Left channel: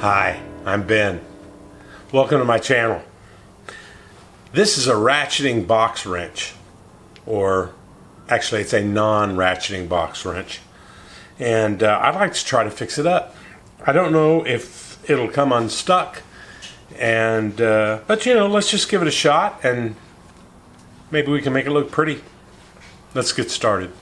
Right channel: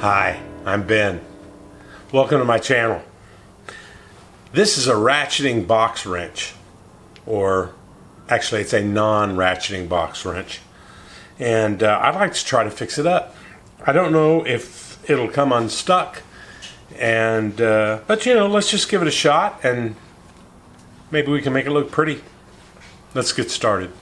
Hi, I'm Ben. Welcome to my channel. This is a ratcheting box wrench, or actually it's a non-ratcheting box wrench, and I'd like to try to fix it up. I don't know if it'll come unstuck, and but you know, let's just give it a shot and maybe we can make it look pretty. Let's get started.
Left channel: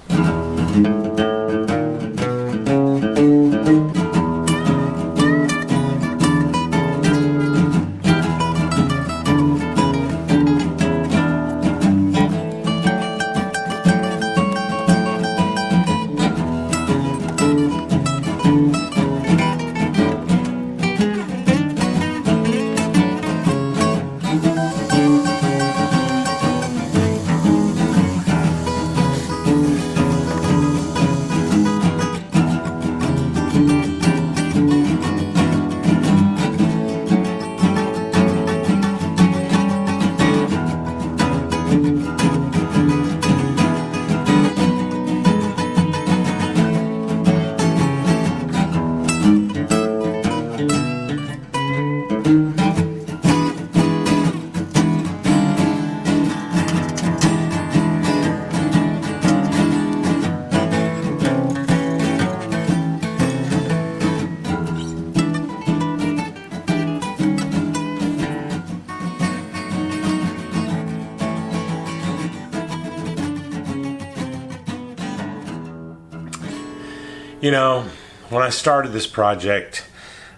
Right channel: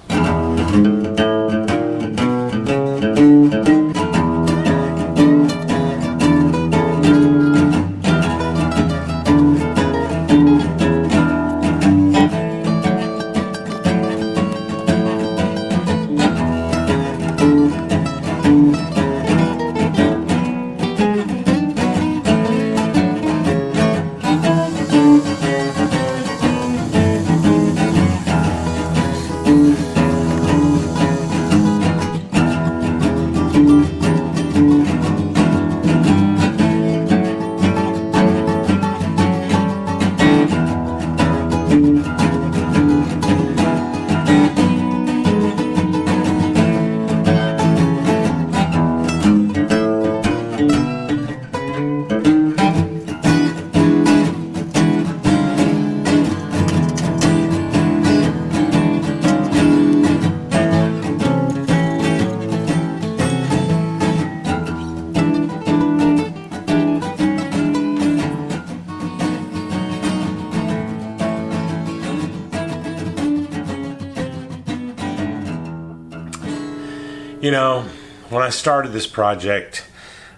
You know, when I started this project,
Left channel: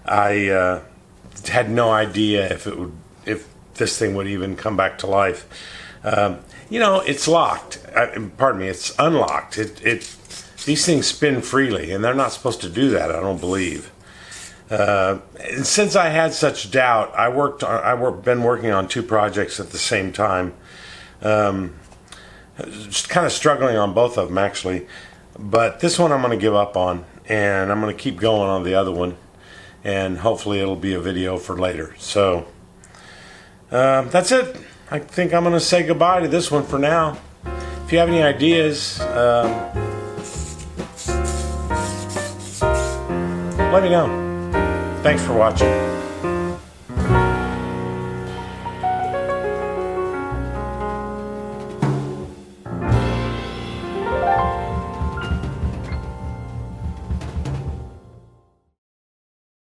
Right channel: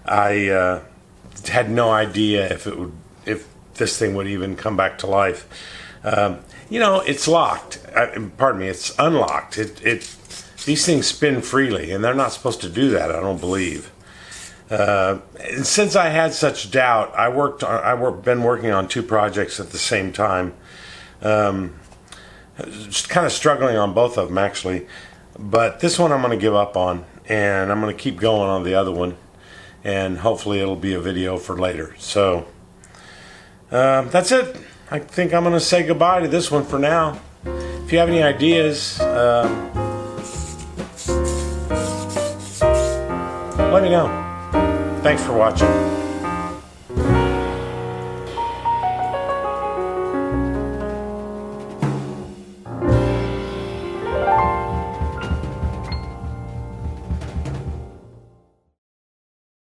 I had no idea if this thing would even come back to life. You know, it's locked. Pardon me, it's unlocked. These things spin freely, and they're not supposed to do that, I don't believe. And since I had such doubt, I've been working on two projects at the same time. Just kind of struggling on both of them, actually. But this one I'm going to give up on, and I'm going to keep going on the other one, and hopefully it'll be a video for later. So that's it. I think I'm going to say goodbye to this one for now. If you have any ideas, let me know. Thanks for watching.